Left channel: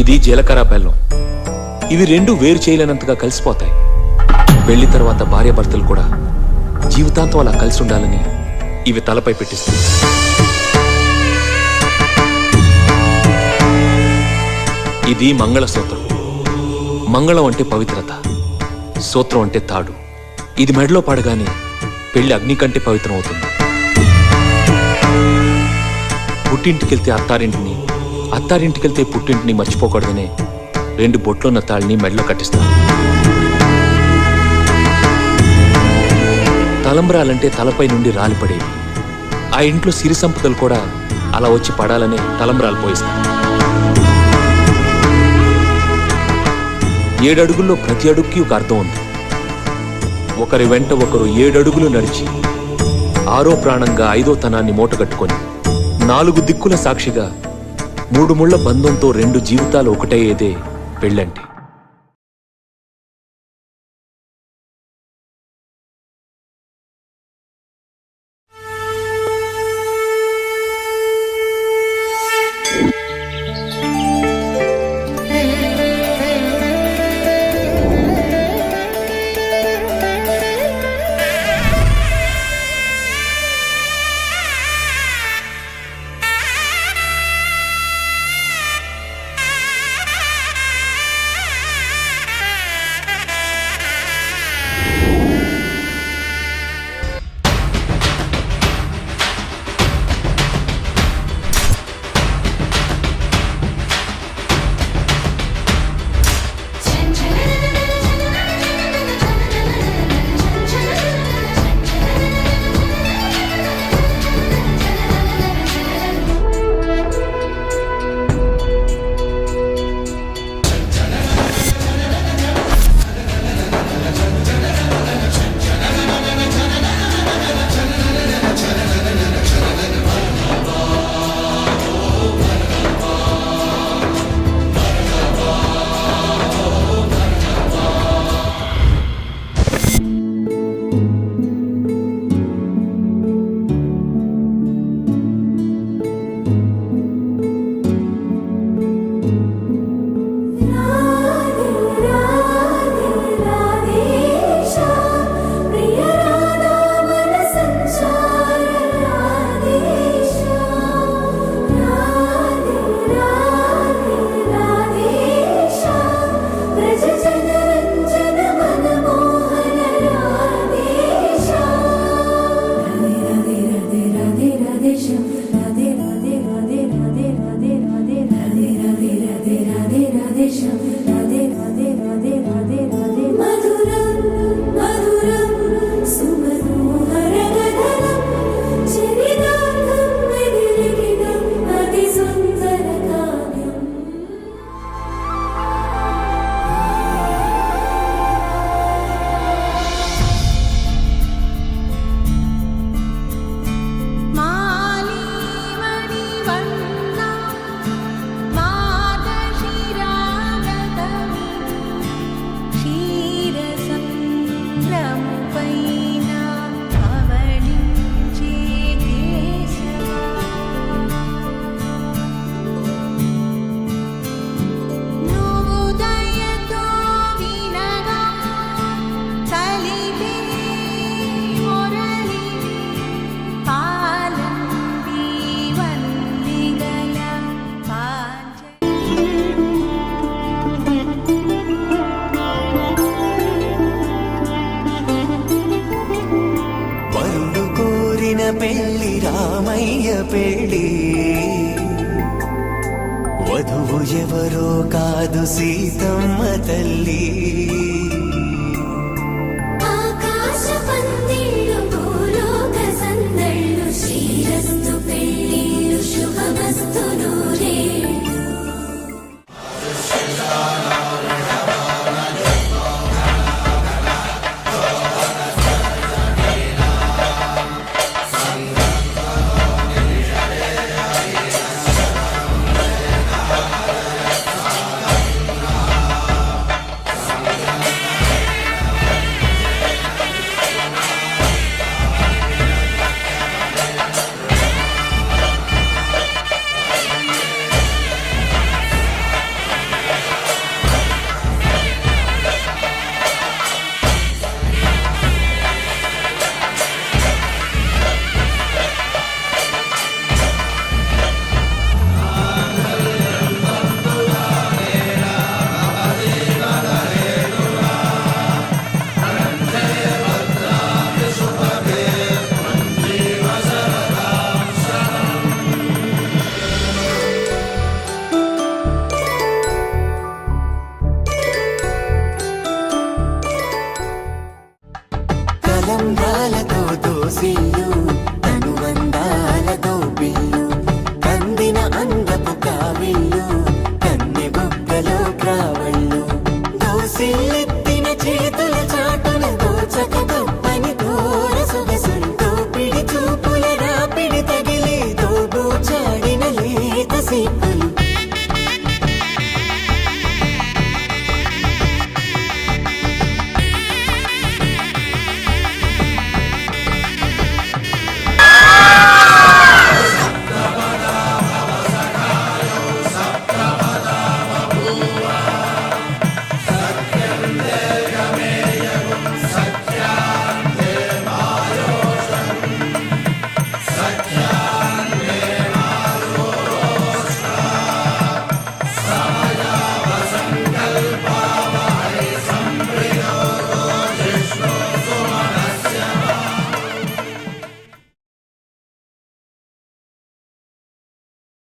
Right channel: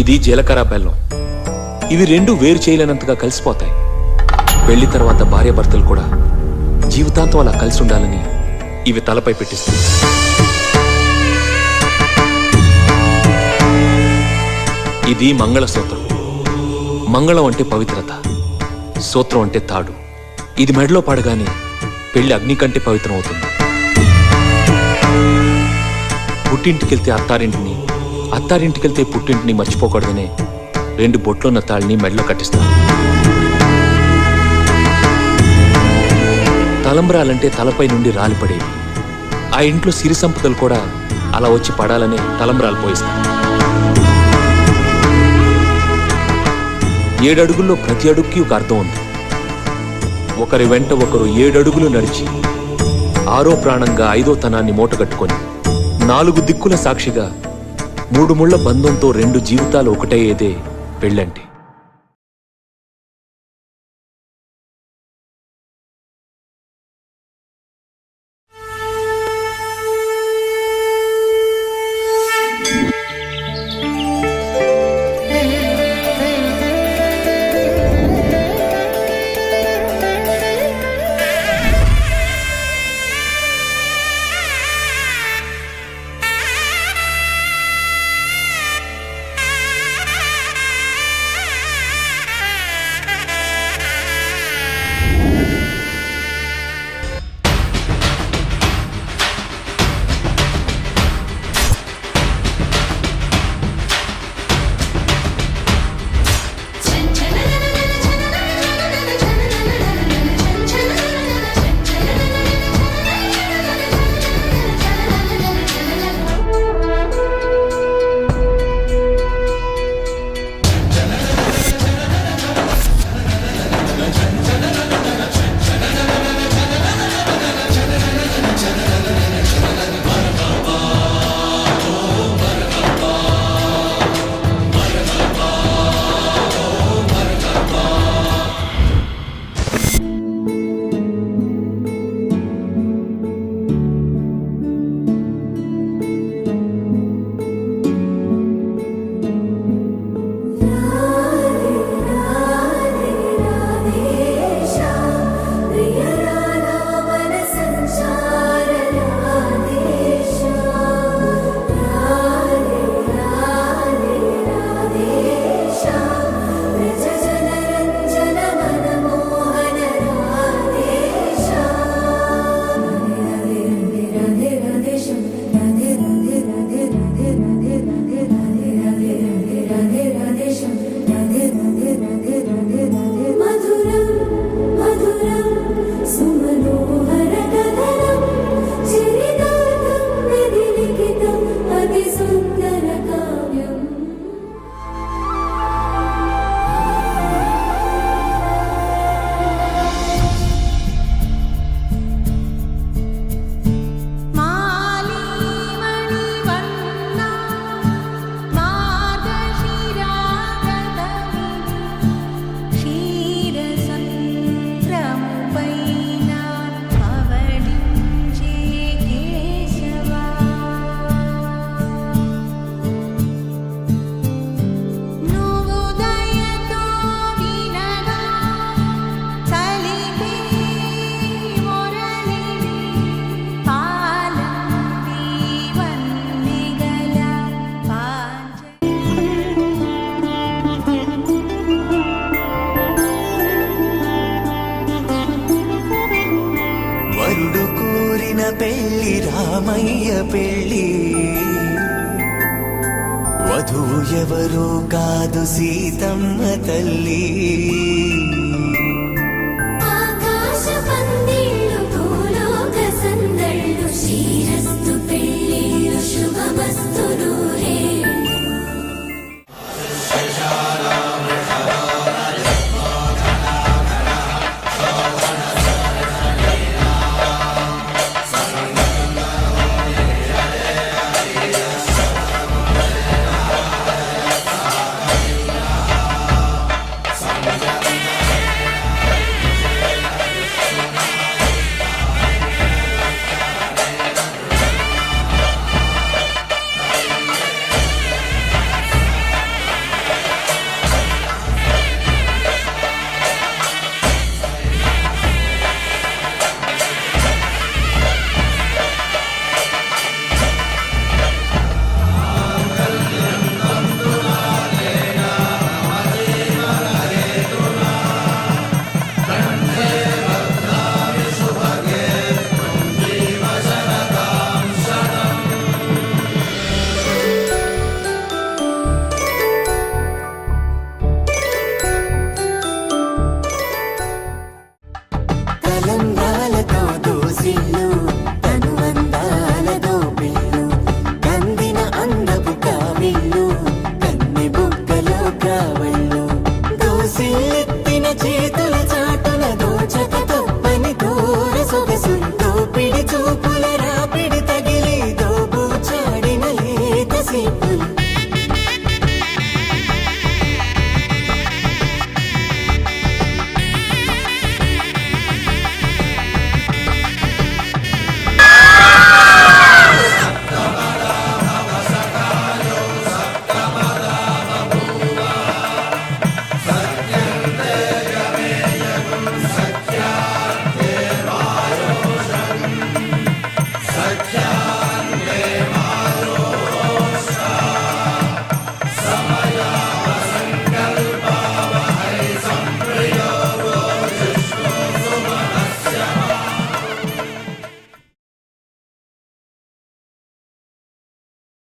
ఇది జీలకర్ర బెల్లం. ఇవి రెండు వేరు చేయలేనంతగా కలిసిపోతాయి. పెళ్లి తర్వాత భార్యాభర్తలు కూడా జీవితాంతం అలా కలిసి ఉండాలని ఇవి తలపై పెట్టిస్తుంది. ఇది మంగళసూత్రం. మంగళం అంటే పవిత్రత, సూత్రం అంటే తాడు. ఇది మెడలో పడగానే పెళ్లి అగ్ని కంటే పవిత్రం అవుతుంది. పుట్టింటికెళ్తే అత్తారింటిని, అత్తారింటికెళ్తే పుట్టింటిని మర్చిపోకూడదనే 2 బొట్లున్న తాళ్ళని మెడలో కట్టిస్తారు. తలంబ్రాలంటే తలపై నుండి రాలిపడేవి. ఆ ఇంట్లో సిరి సంపదలు కూడా అలా వచ్చి పడాలనే తలంబ్రాలు పోయిస్తారు. 7 అడుగుల్లో ప్రతి అడుగుకి ఒక అర్థం ఉంది. ఒకరి వెంట ఒకరు 7 అడుగులు నడిచి 6వ ప్రాణంగా 5వ తనాన్ని మూటగట్టుకొని 4 దిక్కుల సాక్షిగా 3 ముళ్ల బంధంతో 2 జీవితాలు ఒకటయ్యేదే పెళ్ళంటే. రామయ్య పెళ్ళి వధువు ఎవరో కాదు సీతమ్మ తల్లి.